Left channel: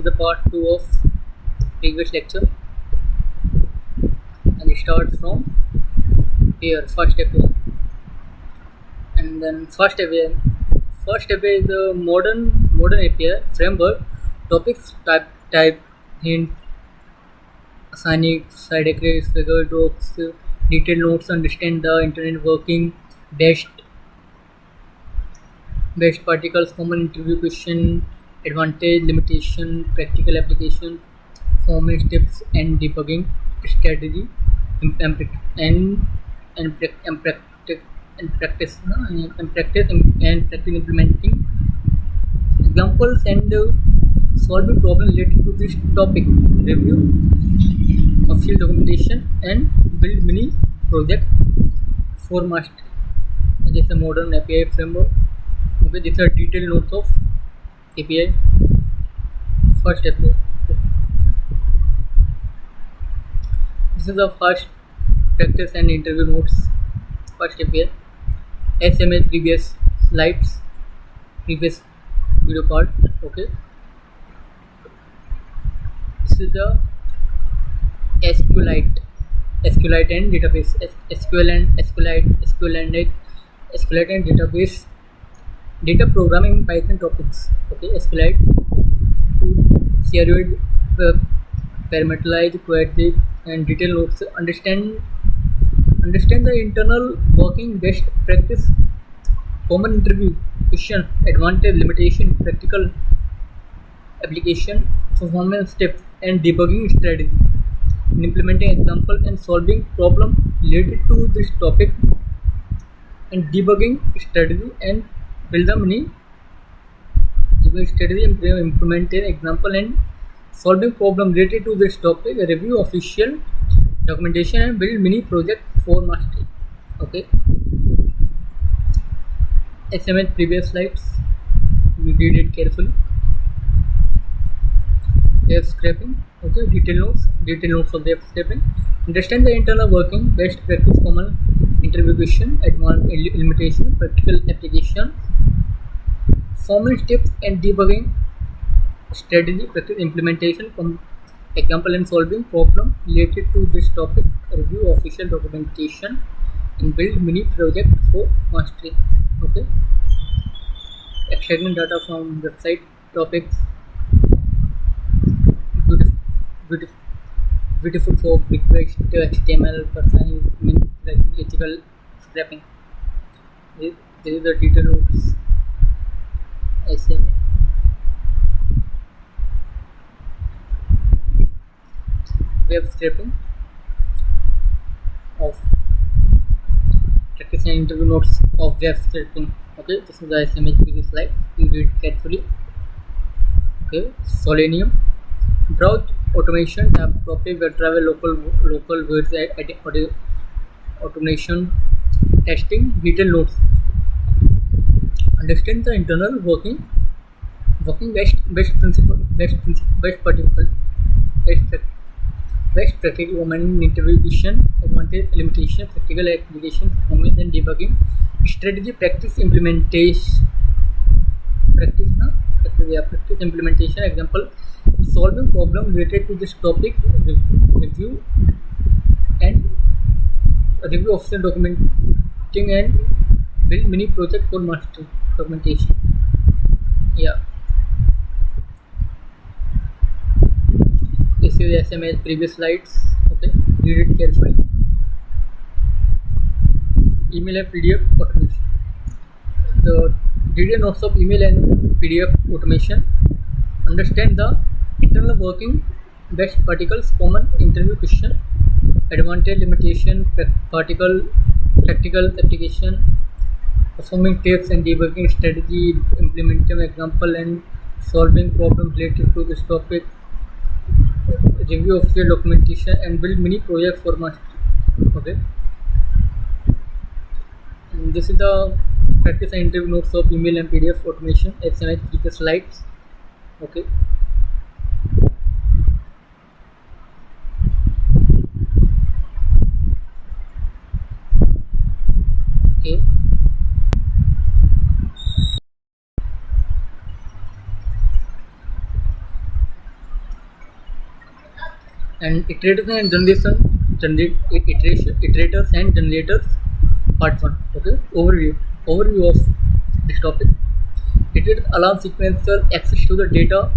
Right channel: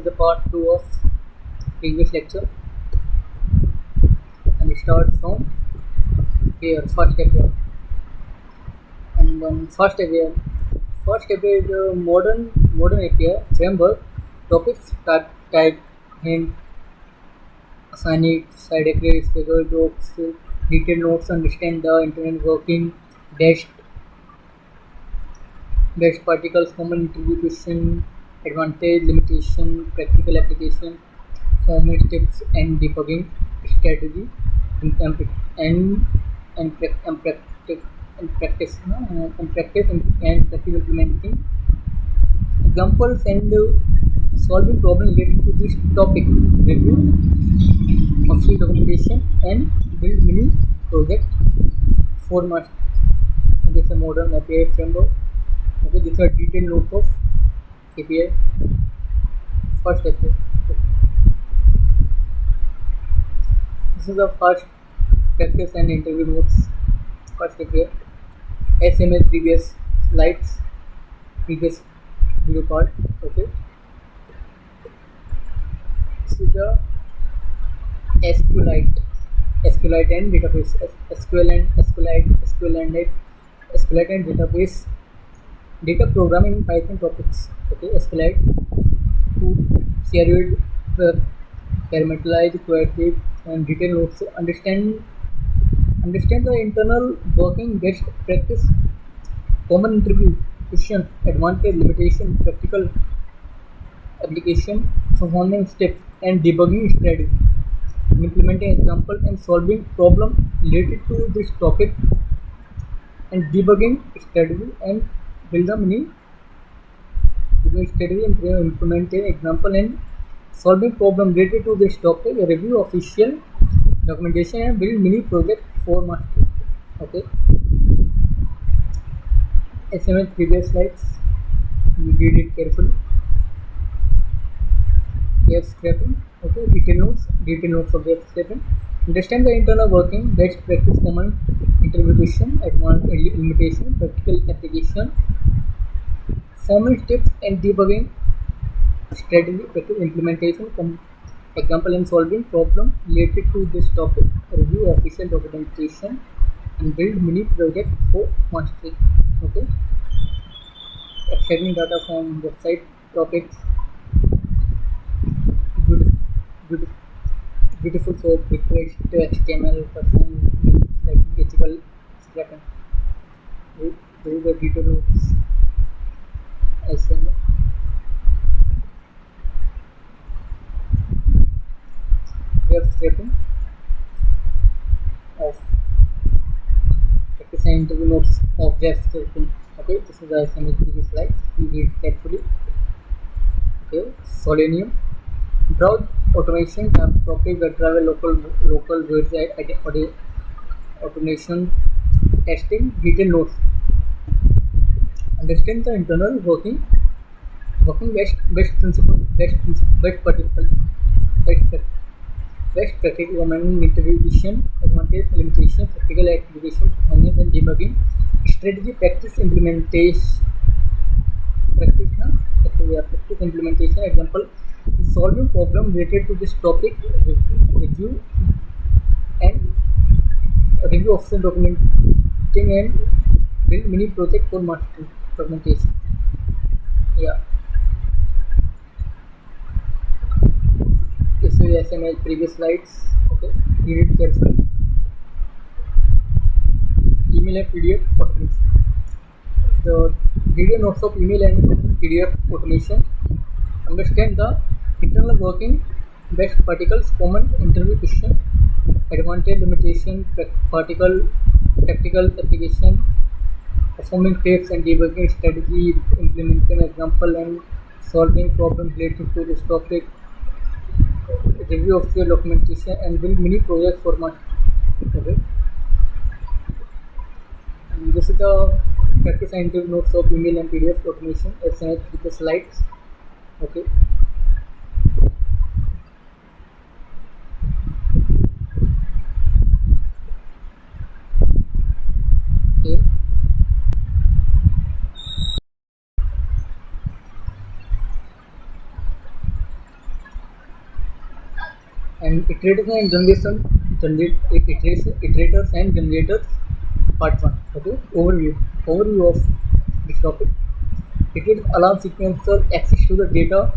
is the part 2 of previous lecture, and it starts from here, first step here. And then first API is a modern API framework. Topics, type, hint, assignings, side eclipse, figure docs, detailed notes, understand the internet working, best best particles, common interview question, advantage, limitation, practical application, performance tips, and debugging strategy, and and and practice and practice and practice implementing examples and solving problem related to this topic. Review official documentation and build mini project for master. And this is a modern API framework. Okay, these are detailed notes of API. First API. This is the first practice and interview notes. First API. SMS previous slides, previous video part. Okay. This is the SQLite and database. SQLite and database. Data programming Python topics. Okay, SQLite, Ceroid, parameterize, query, and detailed notes. Understand the internal working, best practice, common interview question, advantage, limitation, practical application, performance tips, and debugging strategy. In implementing example and solving problem related to this topic, and debugging strategy, and build a mini debugging strategy and implementing example and solving problem related to this topic, review official documentation, and build mini project for mastery. Okay, SMS previous slides, we read it carefully. Web scraping. Okay, detailed notes of web scraping. Understand the internal working, best practice, common interview question, advanced limitation, practical application, performance tips, and debugging strategy, practice implementation, example and solving problem related to this topic, review official documentation, and build mini project for mastery. Okay, extracting data from website topics. Beautiful, beautiful, beautiful soap request HTML person means like ethical scrapping. This is the detail notes. SMA. Web scraping of practice and interview notes of web scraping. Okay, this is the SMA previous slide. You read carefully. Okay, Selenium. Browse automation tab topic web travel local words automation testing detailed notes. Understand the internal working best principle best particle best practical common interview question, advantage, limitation, practical application, performance, and debugging strategy, practice implementation practice implementation example, solving problem related to this topic, review and review official documenting, and build mini project for mastery documentation. Yeah, this is SMA previous slides. Okay, read it carefully. Email and PDF automation. The detailed notes of email and PDF automation. Understand the internal working, best particles, common interview question, advantage, limitation, practical application, performing tips and debugging strategy, implementing example and solving problems related to this topic, review of your documentation, and build mini project for mastery. Okay, and this is the practice and interview notes of email and PDF automation. SMS previous slides. Okay. Okay. And iterators and iterators and generators, part 1. Okay, overview of this topic. Iterators allow sequencer access to the data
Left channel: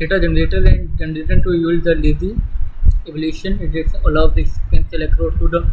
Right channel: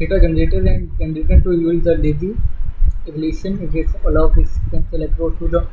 generator and generator to use the lazy evaluation. Iteration allows the sequential across to the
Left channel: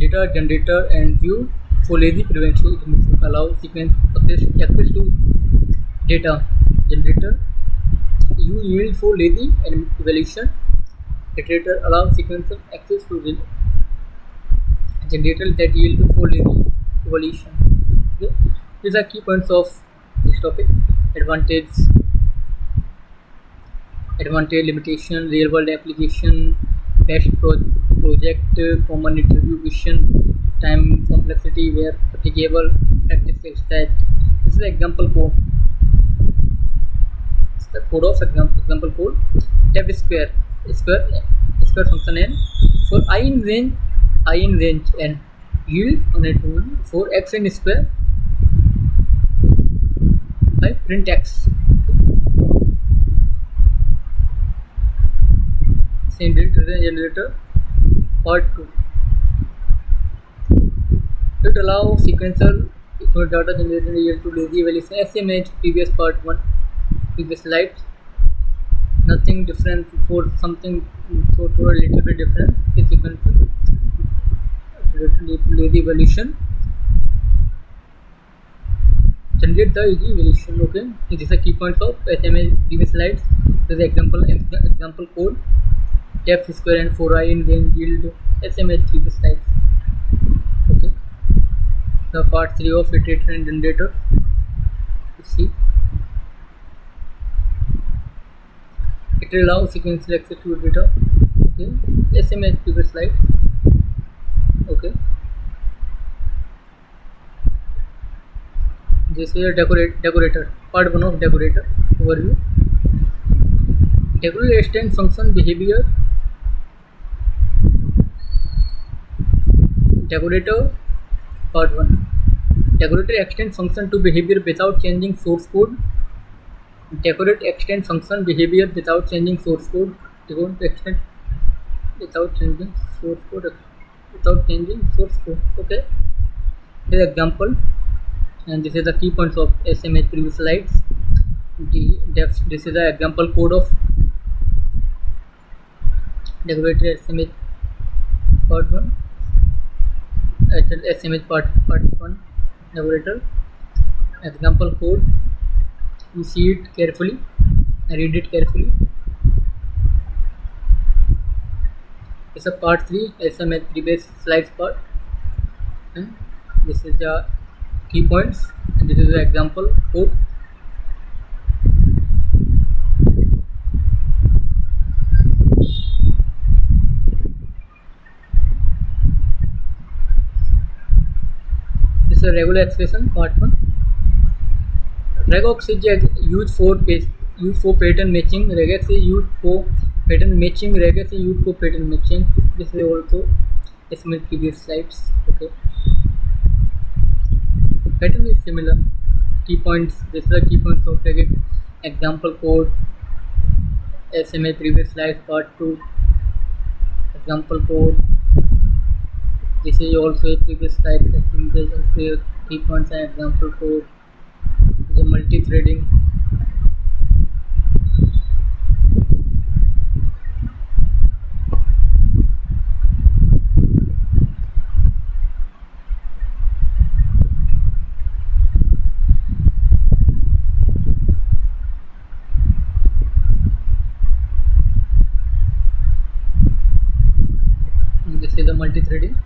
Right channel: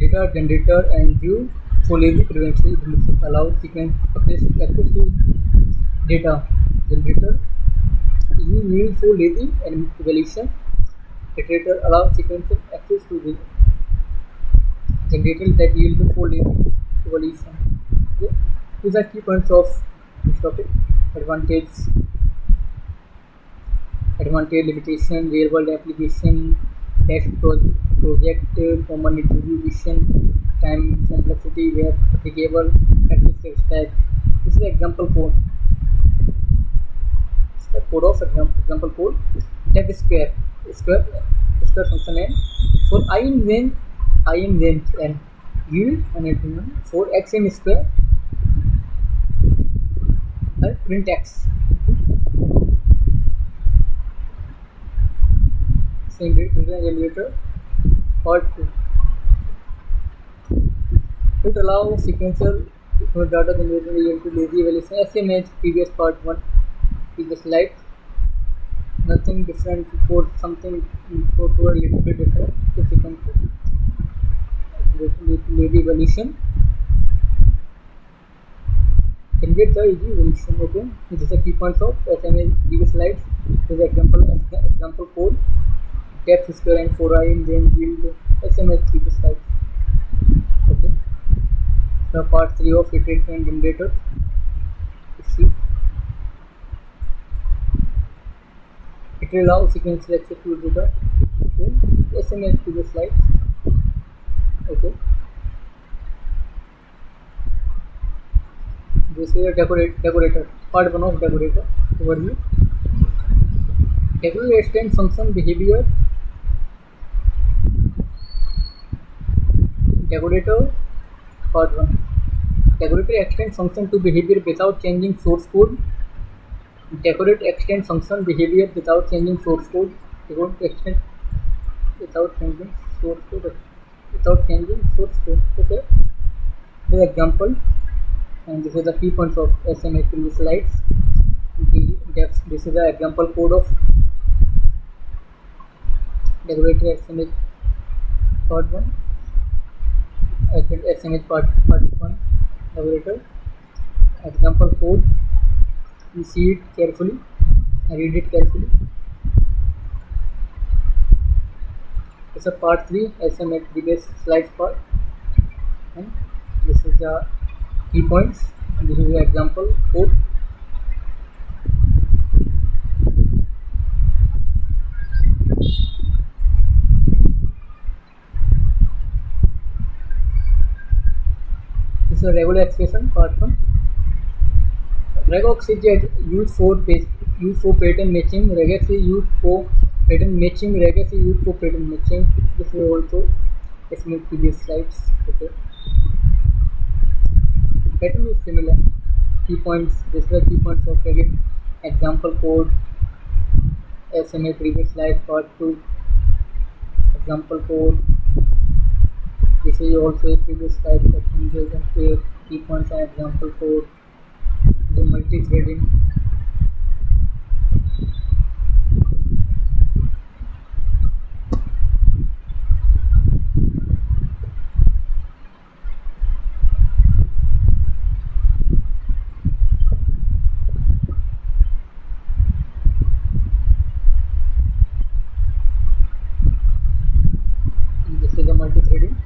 data generator and view for lazy prevention. It allows sequence access to data generator. You yield for lazy and evaluation. Iterator allows sequential access to the generator that yield for lazy evaluation. Okay. These are key points of this topic. Advantage, limitation, real world application, best project, common interview question, time complexity where applicable, practice exercise. This is the example code. It's the code of example code. Def square function n for I in range n yield on it for x in square by print x. Same generator part 2. It allows sequential data generator yield to lazy evaluation, same as previous part 1, previous slides. Nothing different for something to a little bit different. The sequential lazy evaluation. Generate the easy evaluation. Okay, these are key points of SMA previous slides. This is example code. Def square and 4i in range yield SMA previous slides. Okay, the part 3 of iterator and generator. Let's see. It allows sequential access to data. Okay, SMA previous slides. Okay, this is a decorator, part 1 of decorator overview. Decorator extends function behavior. Decorator part 1. Decorator extends function to behavior without changing source code. Decorate extend function behavior without changing source code. Decorate extend without changing source code. Okay, this is example, and this is the key points of SMA previous slides. This is the example code of decorator SMA part 1. SMA part 1 decorator example code. You see it carefully, read it carefully. It's a part 3 SMA previous slides part, and this is the key points, and this is the example code. This is a regular expression part 1. Regex is used for pattern matching. Regex is used for pattern matching. This is also SMA previous slides. Okay, pattern is similar. Key points. This is the key points of Regex. Example code. SMA previous slides part 2. Example code. This is also a previous slide. I think there are key points and example code. The multi-threading. This is the multi-threading.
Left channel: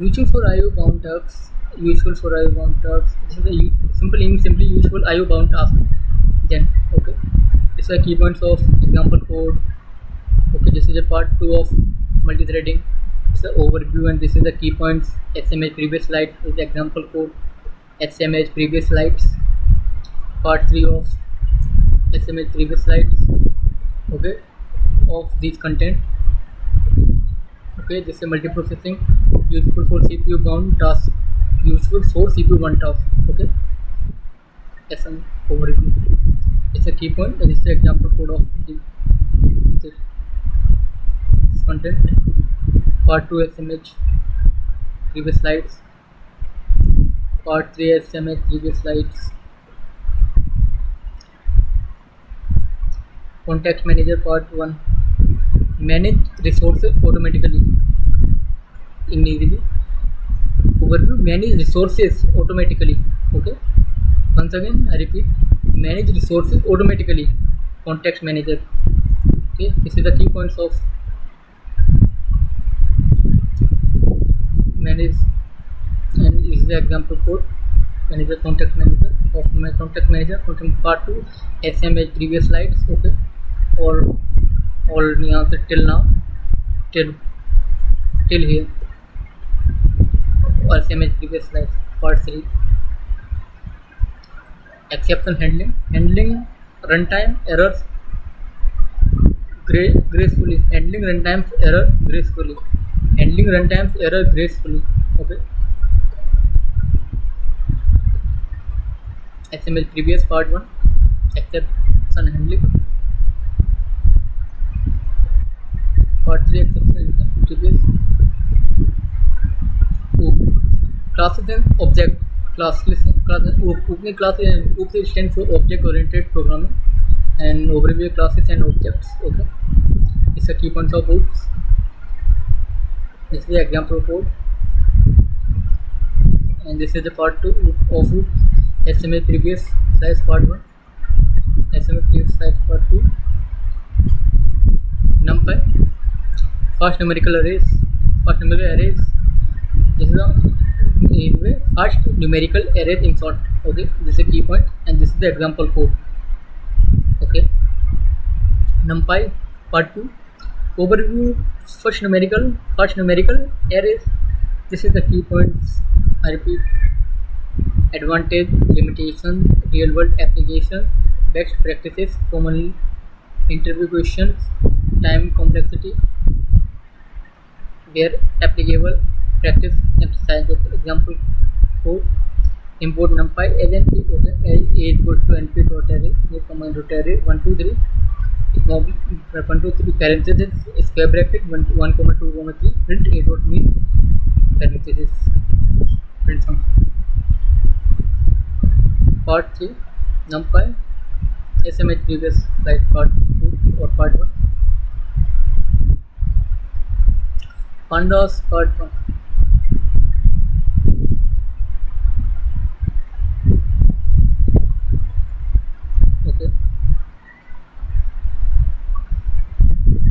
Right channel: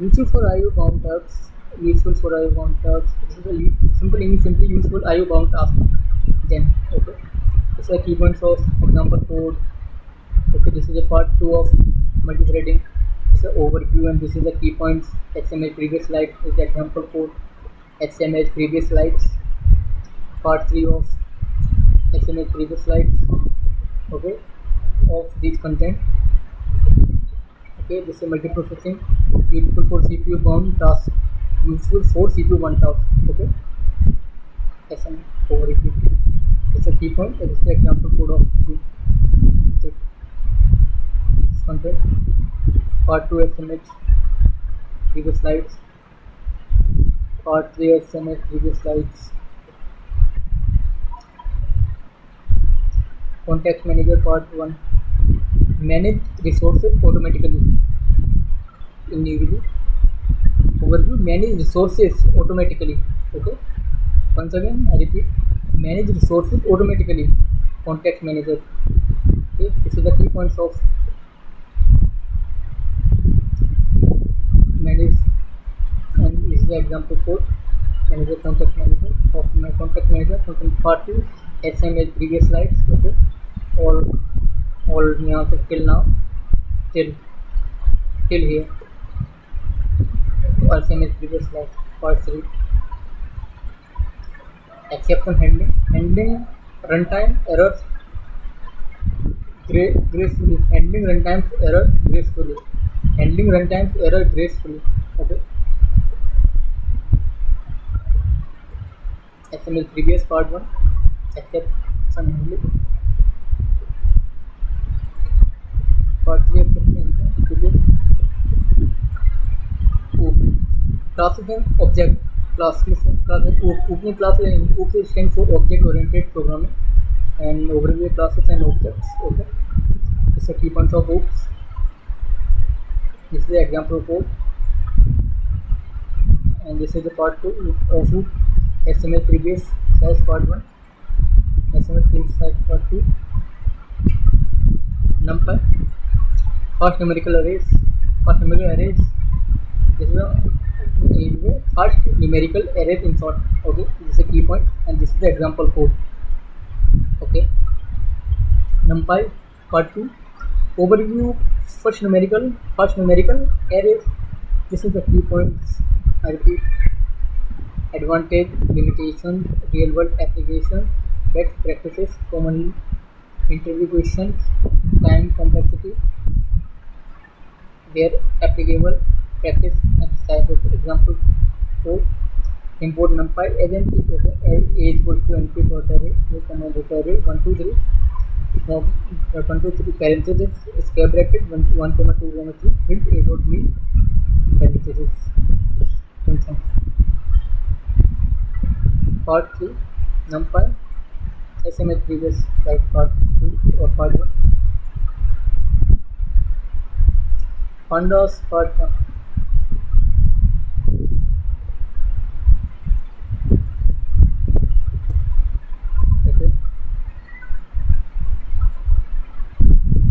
Useful for IO bound tasks. This is a simply useful IO bound task. Then okay, this is the key points of example code. Okay, this is a part 2 of multi-threading. It's the overview, and this is the key points. SMA previous slide is the example code. SMA previous slides. Part 3 of SMA previous slides. Okay, of these content. Okay, this is multiprocessing, useful for CPU bound task, useful for CPU bound task. Okay, as an overview. It's a key point. This is the example code of this content. Part 2 SMH previous slides. Part 3 SMH previous slides. Context manager part 1. Manage resources automatically in easily. Overview, manage resources automatically. Okay, once again I repeat, manage resources automatically. Context manager. Okay, this is the key points of manage, and this is the example code. Manager, contact manager of my contact manager from part 2 SMH previous slides. Okay, all the answer till now, till here, or SMH previous slides. Part 3 exception handling runtime errors gracefully. Handling runtime's error gracefully. Handling runtime's error gracefully. Okay, XML previous part 1 exception handling. Part 3 exception handling previous. Classes and object classes. Opening classes and OOP stands for object oriented programming, and overview classes and objects. Okay, it's a key points of OOPs. This is the example code, and this is the part 2 of OOP. SML previous slides part 1, SML previous slides part 2. NumPy, fast numerical arrays. This is the fast numerical arrays in short. Okay, this is a key point, and this is the example code. Okay, NumPy part 2. Overview, first numerical arrays. This is the key points. I repeat: advantage, limitations, real world application, best practices, common interview questions, time complexity, where applicable, practice exercise. Okay, example code: import NumPy as NP. Okay, a equals to np.array, a command array 1 2 3. Small 1 2 3 parenthesis square bracket 1 comma 2 comma 3 print a dot mean parenthesis print function. Part 3 NumPy SMH previous slide part 2 or part 1. Pandas part 1. Okay,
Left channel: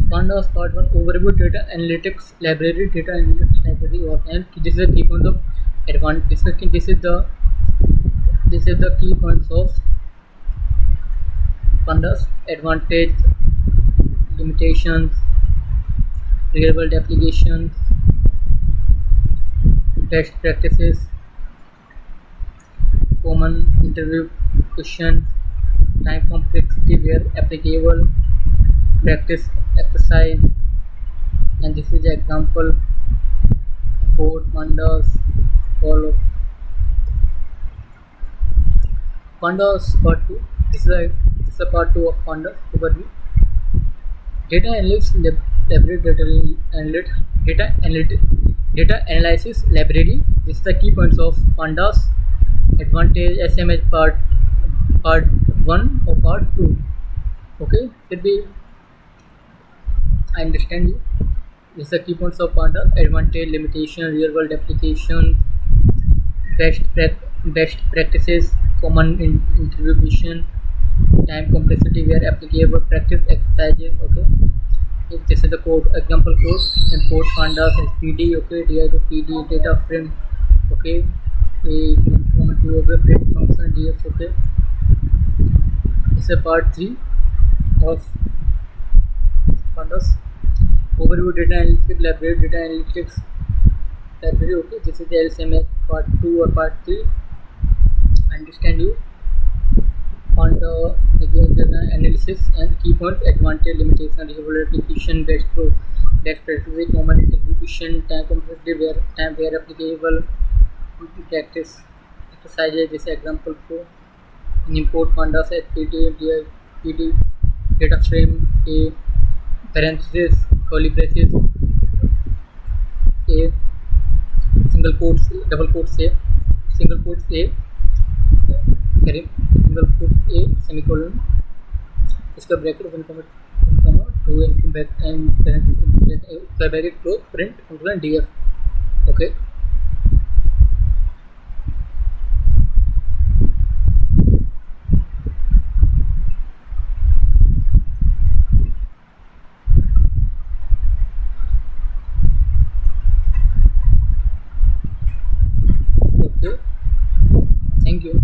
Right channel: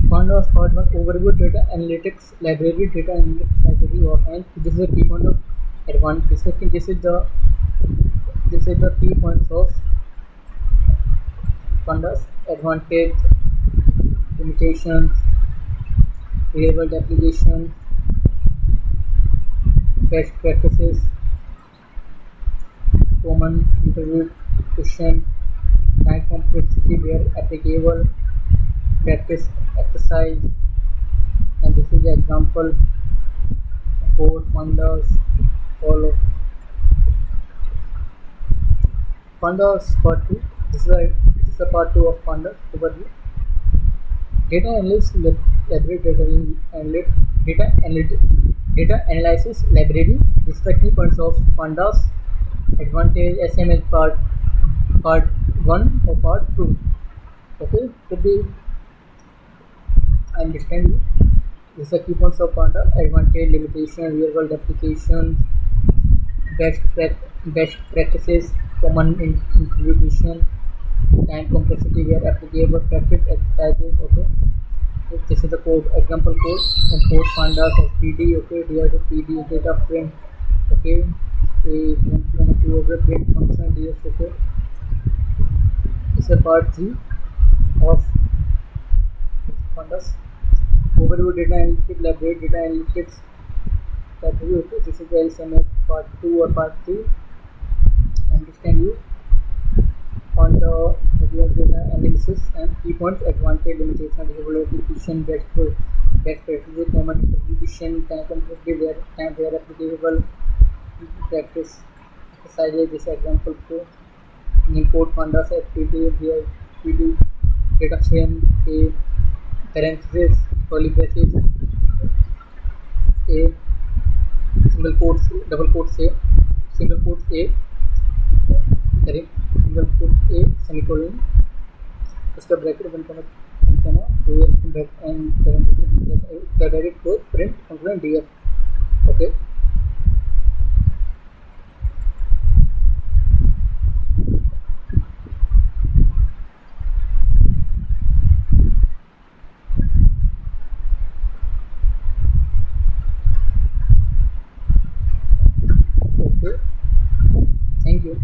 Pandas part 1. Overview data analytics library, or and this is the key points of advanced. This is the key points of Pandas: advantage, limitations, real world applications, best practices, common interview questions, time complexity where applicable, practice exercise, and this is the example code. Pandas, all of Pandas part 2. This is a part 2 of Pandas overview. Data analysis library, data analysis library. This is the key points of Pandas. Advantage, SMH part 1 or part 2. Okay, should be I understand you. This is the key points of Pandas: advantage, limitation, real world applications, best practices, common interview question, time complexity where applicable, practice exercises. Okay, this is the code, example code. Import Pandas as PD. Okay, PD data frame. Okay, a2 okay, print function df. Okay, this is part 3 of Pandas. Overview data analytics library, Okay, this is the LCMS part 2 or part 3. Understand you. On the data analysis and key points: advantage, limitation, real world application, best practice, common interview question, time complexity where applicable, practice exercises. This example code. import pandas as PD data frame a parenthesis curly braces a single quotes double quotes a single quotes a करें single quotes a semicolon उसका bracket 1 2 and back and parenthesis bracket close print function df okay okay thank you